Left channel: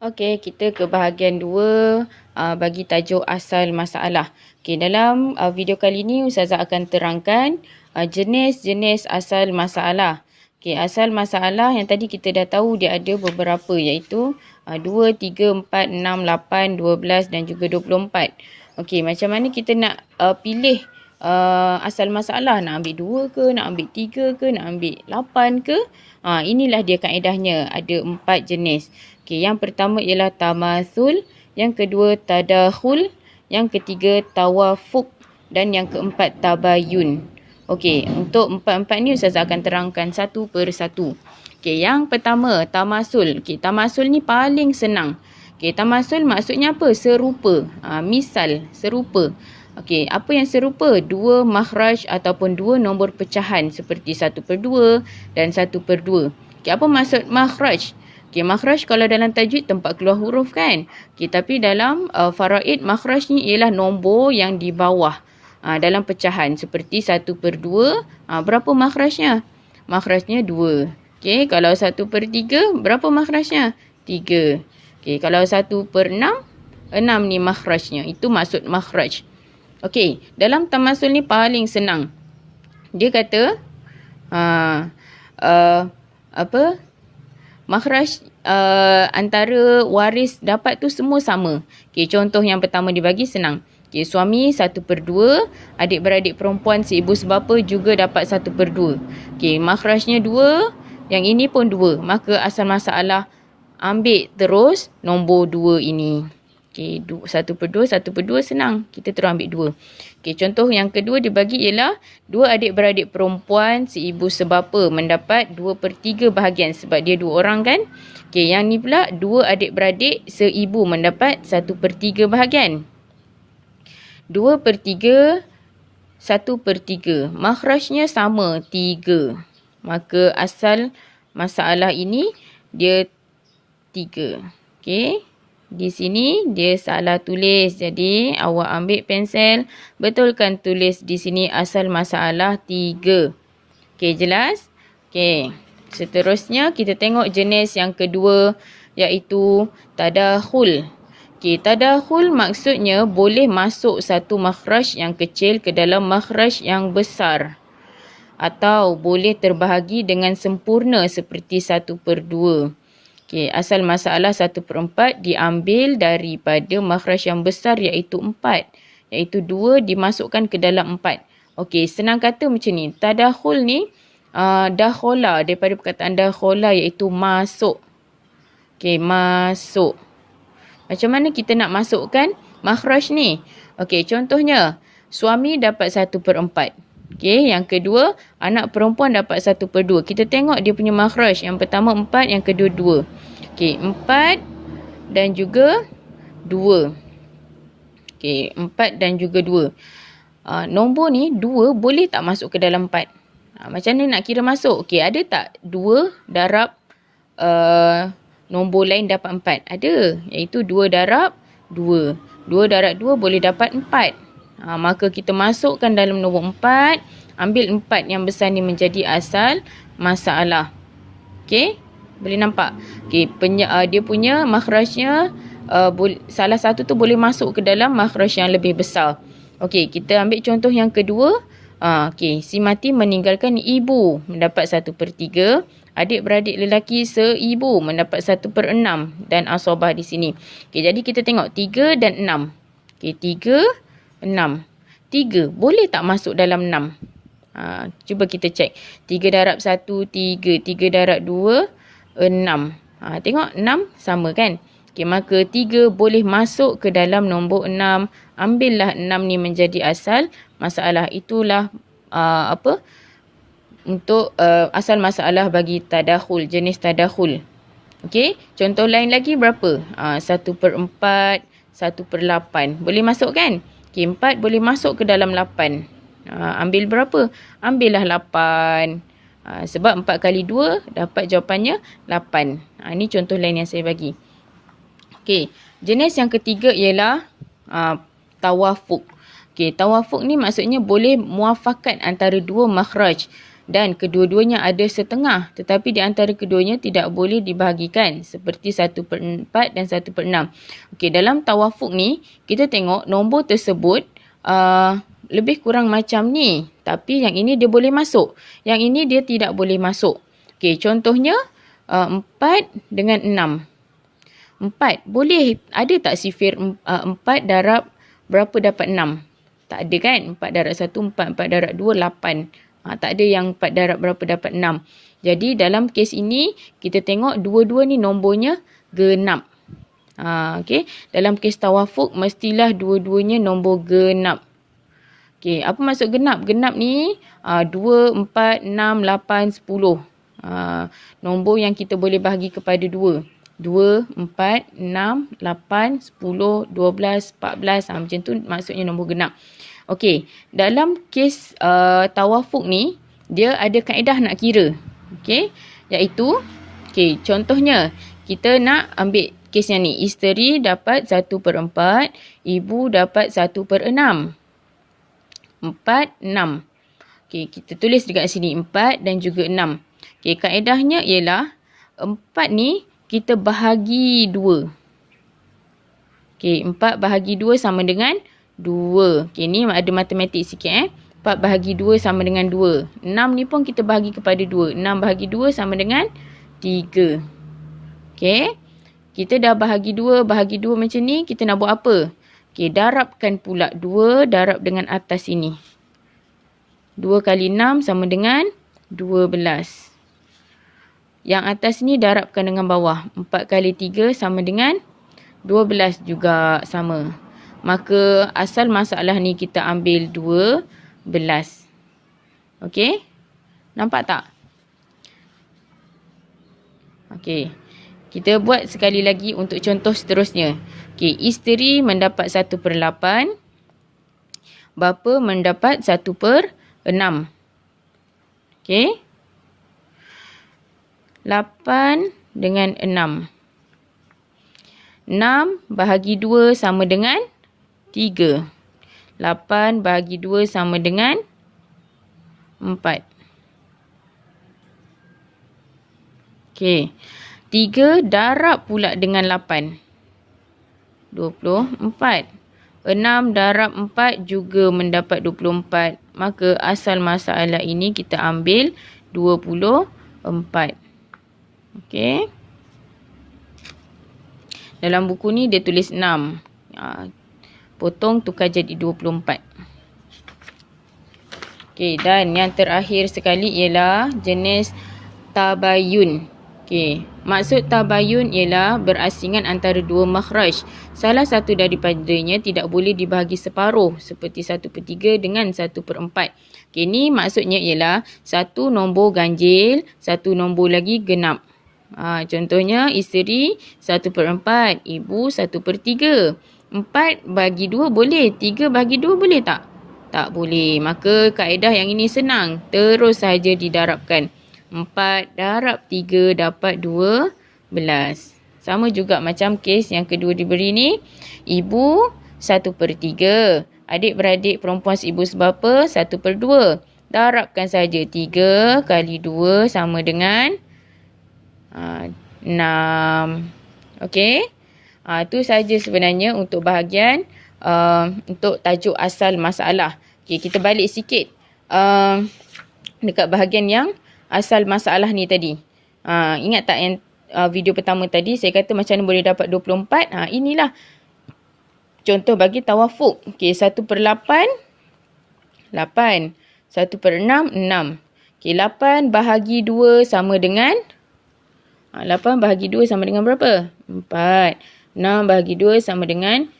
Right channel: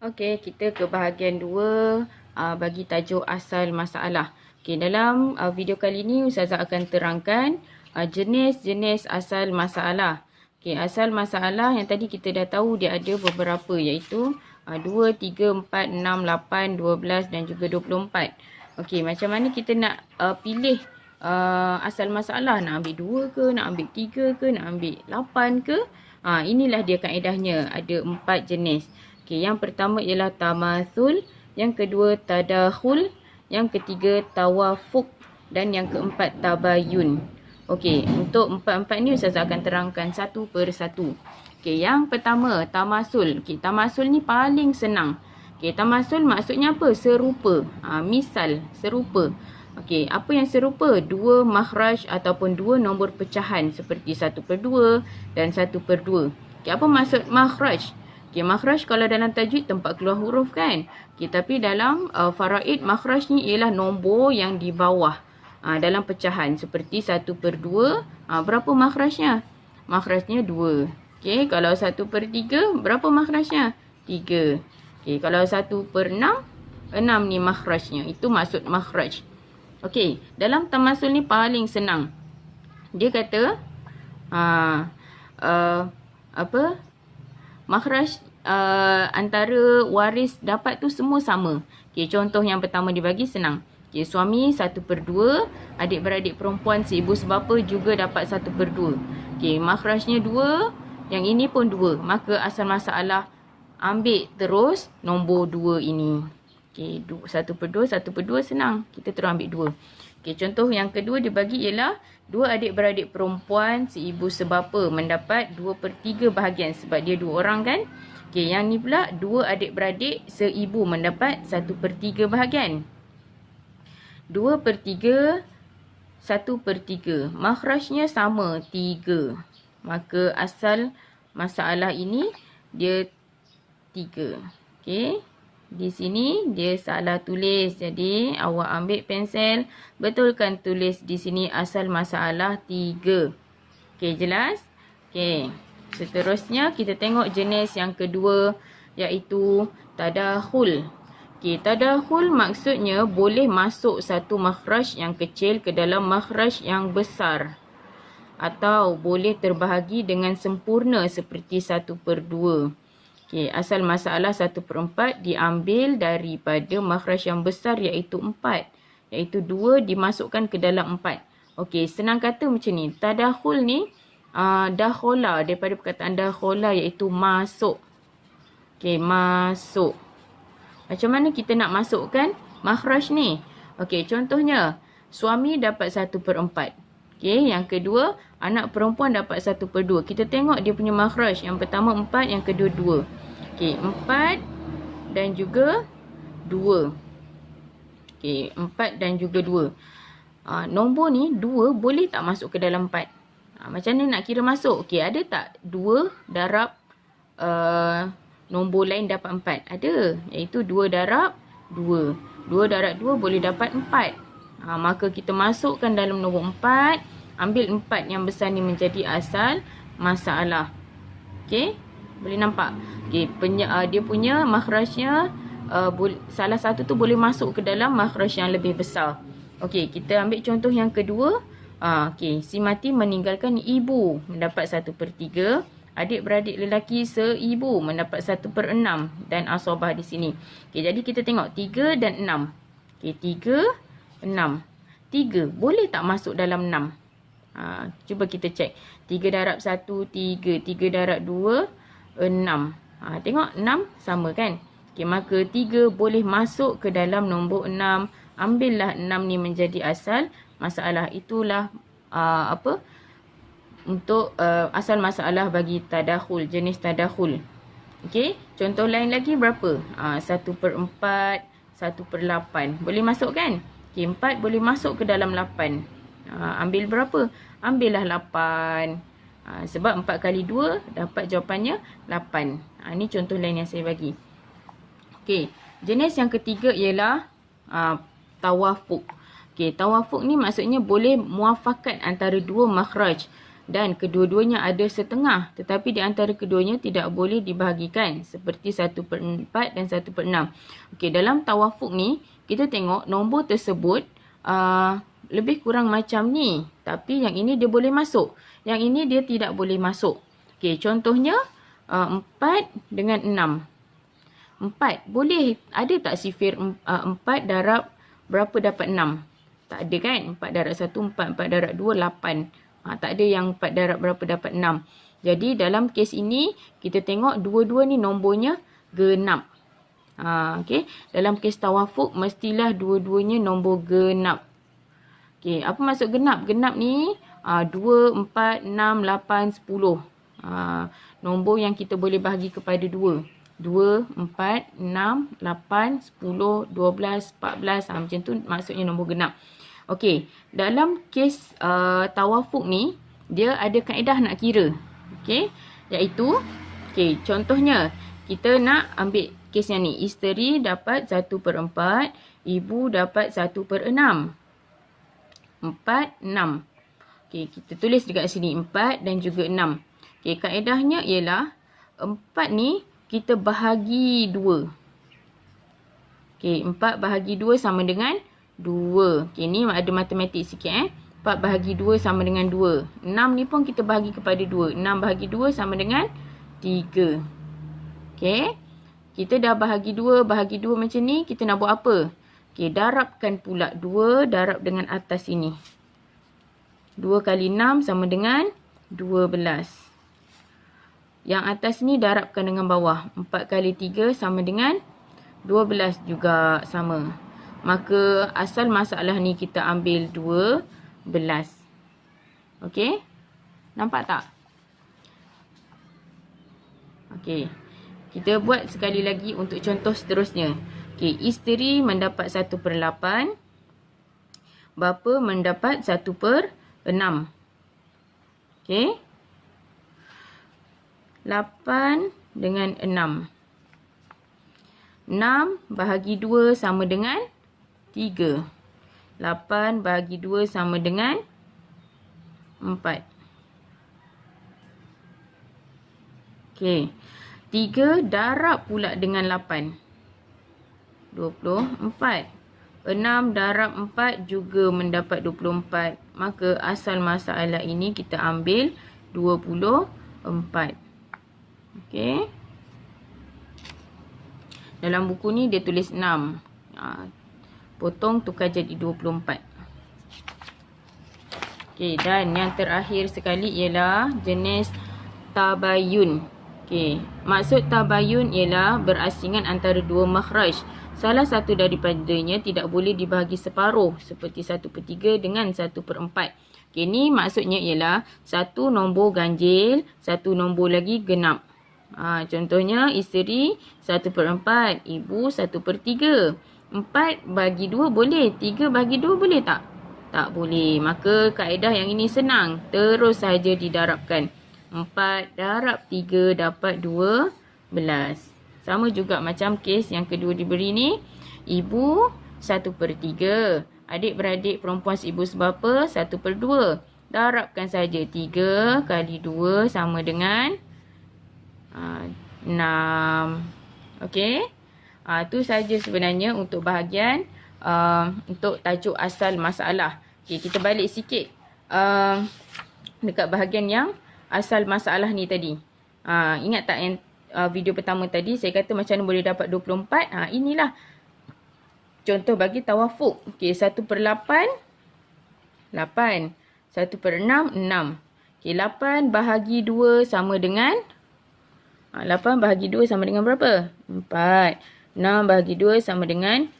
Okey, kita ke bahagian 2 bagi tajuk asal masalah. Okey, dalam video kali ini Ustazah akan terangkan jenis-jenis asal masalah. Okey, asal masalah yang tadi kita dah tahu dia ada beberapa iaitu 2, 3, 4, 6, 8, 12 dan juga 24. Okey, macam mana kita nak pilih asal masalah? Nak ambil 2 ke, nak ambil 3 ke, nak ambil 8 ke? Inilah dia kaedahnya, ada 4 jenis. Okey, yang pertama ialah tamasul, yang kedua tadakhul, yang ketiga tawafuk dan yang keempat tabayun. Okey, untuk empat-empat ni Ustazah akan terangkan satu per satu. Okey, yang pertama tamasul. Okey, tamasul ni paling senang. Okey, tamasul maksudnya apa? Serupa. Misal, serupa. Okey, apa yang serupa? Dua makhraj ataupun dua nombor pecahan seperti 1/2 dan 1/2. Okey, apa maksud makhraj? Okey, makhraj kalau dalam tajwid tempat keluar huruf kan. Okey, tapi dalam faraid makhraj ni ialah nombor yang di bawah dalam pecahan seperti 1/2. Berapa makhrajnya? Makhrajnya 2. Okey, kalau 1/3 berapa makhrajnya? 3. Okey, kalau 1/6, 6 ni makhrajnya. Itu maksud makhraj. Okey, dalam tamasul ni paling senang. Dia kata makhraj antara waris dapat tu semua sama. Okey, contoh yang pertama dibagi senang. Okey, suami 1/2, adik-beradik perempuan seibu sebapa juga dapat 1/2. Okey, makhrajnya 2, yang ini pun 2. Maka asal masalah ambil terus nombor 2 ini. Okey, 1/2, 1/2 senang. Kita terus ambil 2. Okey, contoh yang kedua dibagi ialah 2 adik-beradik perempuan seibu sebapa mendapat 2/3 bahagian sebab dia 2 orang kan. Okey, yang ni pula 2 adik-beradik seibu mendapat 1/3 bahagian. 2/3, 1/3. Makhrajnya sama, 3. Maka asal masalah ini dia 3. Okey. Di sini dia salah tulis. Jadi awak ambil pensel, betulkan tulis di sini asal masalah 3. Okey, jelas? Okey. Seterusnya kita tengok jenis yang kedua iaitu tadakhul. Okey, tadakhul maksudnya boleh masuk satu makhraj yang kecil ke dalam makhraj yang besar. Atau boleh terbahagi dengan sempurna seperti 1/2. Okey, asal masalah 1/4 diambil daripada makhraj yang besar iaitu 4. Iaitu 2 dimasukkan ke dalam 4. Okey, senang kata macam ni. Tadakhul ni dakhola, daripada perkataan dakhola iaitu masuk. Okey, masuk. Macam mana kita nak masukkan makhraj ni? Okey, contohnya suami dapat 1/4. Okey, yang kedua, anak perempuan dapat 1/2. Kita tengok dia punya makhraj. Yang pertama 4, yang kedua 2. Okey, 4 dan juga 2. Okey, 4 dan juga 2. Nombor ni 2 boleh tak masuk ke dalam 4? Macam mana nak kira masuk? Okey, ada tak 2 darab nombor lain dapat 4? Ada, iaitu 2 darab 2. 2 darab 2 boleh dapat 4. Maka kita masukkan dalam nombor 4, ambil 4 yang besar ni menjadi asal masalah. Okey, boleh nampak? Okey, dia punya makhrajnya salah satu tu boleh masuk ke dalam makhraj yang lebih besar. Okey, kita ambil contoh yang kedua. Okey, si mati meninggalkan ibu mendapat 1/3. Adik-beradik lelaki seibu mendapat 1/6 dan asobah di sini. Okey, jadi kita tengok 3 dan 6. Okey, 3, 6. 3 boleh tak masuk dalam 6? Cuba kita cek. 3 darab 1, 3. 3 darab 2, 6. Tengok 6 sama kan? Okey, maka 3 boleh masuk ke dalam nombor 6. Ambillah 6 ni menjadi asal masalah. Itulah untuk asal masalah bagi tadakhul, jenis tadakhul. Okey, contoh lain lagi berapa? 1/4, 1/8. Boleh masuk kan? Okey, 4 boleh masuk ke dalam 8. Ambil berapa? Ambillah 8. Sebab 4 kali 2 dapat jawapannya 8. Ini contoh lain yang saya bagi. Okey, jenis yang ketiga ialah tawafuk. Okey, tawafuk ni maksudnya boleh muafakat antara dua makhraj. dan kedua-duanya ada setengah, tetapi di antara keduanya tidak boleh dibahagikan seperti 1/4 dan 1/6. Okey, dalam tawafuk ni kita tengok nombor tersebut lebih kurang macam ni, tapi yang ini dia boleh masuk, yang ini dia tidak boleh masuk. Okey, contohnya 4 dengan 6. 4 boleh, ada tak sifir 4 darab berapa dapat 6? Tak ada kan? 4 darab 1, 4. 4 darab 2, 8. Tak ada yang 4 darab berapa dapat 6. Jadi dalam kes ini, kita tengok dua-dua ni nombornya genap. Okay. Dalam kes tawafuk, mestilah dua-duanya nombor genap. Okay. Apa maksud genap? Genap ni 2, 4, 6, 8, 10. Nombor yang kita boleh bahagi kepada 2. 2, 4, 6, 8, 10, 12, 14. Macam tu maksudnya nombor genap. Okey, dalam kes tawafuk ni, dia ada kaedah nak kira. Okey, iaitu, contohnya, kita nak ambil kes yang ni. Isteri dapat 1/4, ibu dapat 1/6. 4, 6. Okey, kita tulis dekat sini 4 dan juga 6. Okey, kaedahnya ialah 4 ni kita bahagi 2. Okey, 4 bahagi 2 sama dengan 2. Okey, ni ada matematik sikit 4 bahagi 2 sama dengan 2. 6 ni pun kita bahagi kepada 2. 6 bahagi 2 sama dengan 3. Okey. Kita dah bahagi 2 macam ni, kita nak buat apa? Okey, darabkan pula 2 darab dengan atas ini. 2 kali 6 sama dengan 12. Yang atas ni darabkan dengan bawah. 4 kali 3 sama dengan 12 juga sama. Maka asal masalah ni kita ambil 12. Okey? Nampak tak? Okey. Kita buat sekali lagi untuk contoh seterusnya. Okey, isteri mendapat 1/8. Bapa mendapat 1/6. Okey? 8 dengan 6. 6 bahagi 2 sama dengan 3. 8 bahagi 2 sama dengan 4. Okey. 3 darab pula dengan 8. 24. 6 darab 4 juga mendapat 24. Maka asal masalah ini kita ambil 24. Okey. Dalam buku ni dia tulis 6. Potong tukar jadi 24. Okey, dan yang terakhir sekali ialah jenis tabayun. Okey, maksud tabayun ialah berasingan antara dua makhraj. Salah satu daripadanya tidak boleh dibahagi separuh seperti 1/3 dengan 1/4. Okey, ni maksudnya ialah satu nombor ganjil, satu nombor lagi genap. Contohnya isteri 1/4, ibu 1/3. 4 bagi 2 boleh, 3 bagi 2 boleh tak? Tak boleh. Maka kaedah yang ini senang. Terus saja didarabkan. 4 darab 3 dapat 12. Sama juga macam kes yang kedua diberi ni. Ibu 1/3. Adik-beradik perempuan ibu sebapa 1/2. Darabkan saja 3 kali 2 sama dengan 6. Okey. Itu saja sebenarnya untuk bahagian untuk tajuk asal masalah. Okey, kita balik sikit dekat bahagian yang asal masalah ni tadi. Ingat tak yang video pertama tadi saya kata macam mana boleh dapat 24? Inilah contoh bagi tawafuk. Okey, 1/8 8. 1/6 6. Okey, 8 bahagi 2 sama dengan 8 bahagi 2 sama dengan berapa? 4. 6 bahagi 2 sama dengan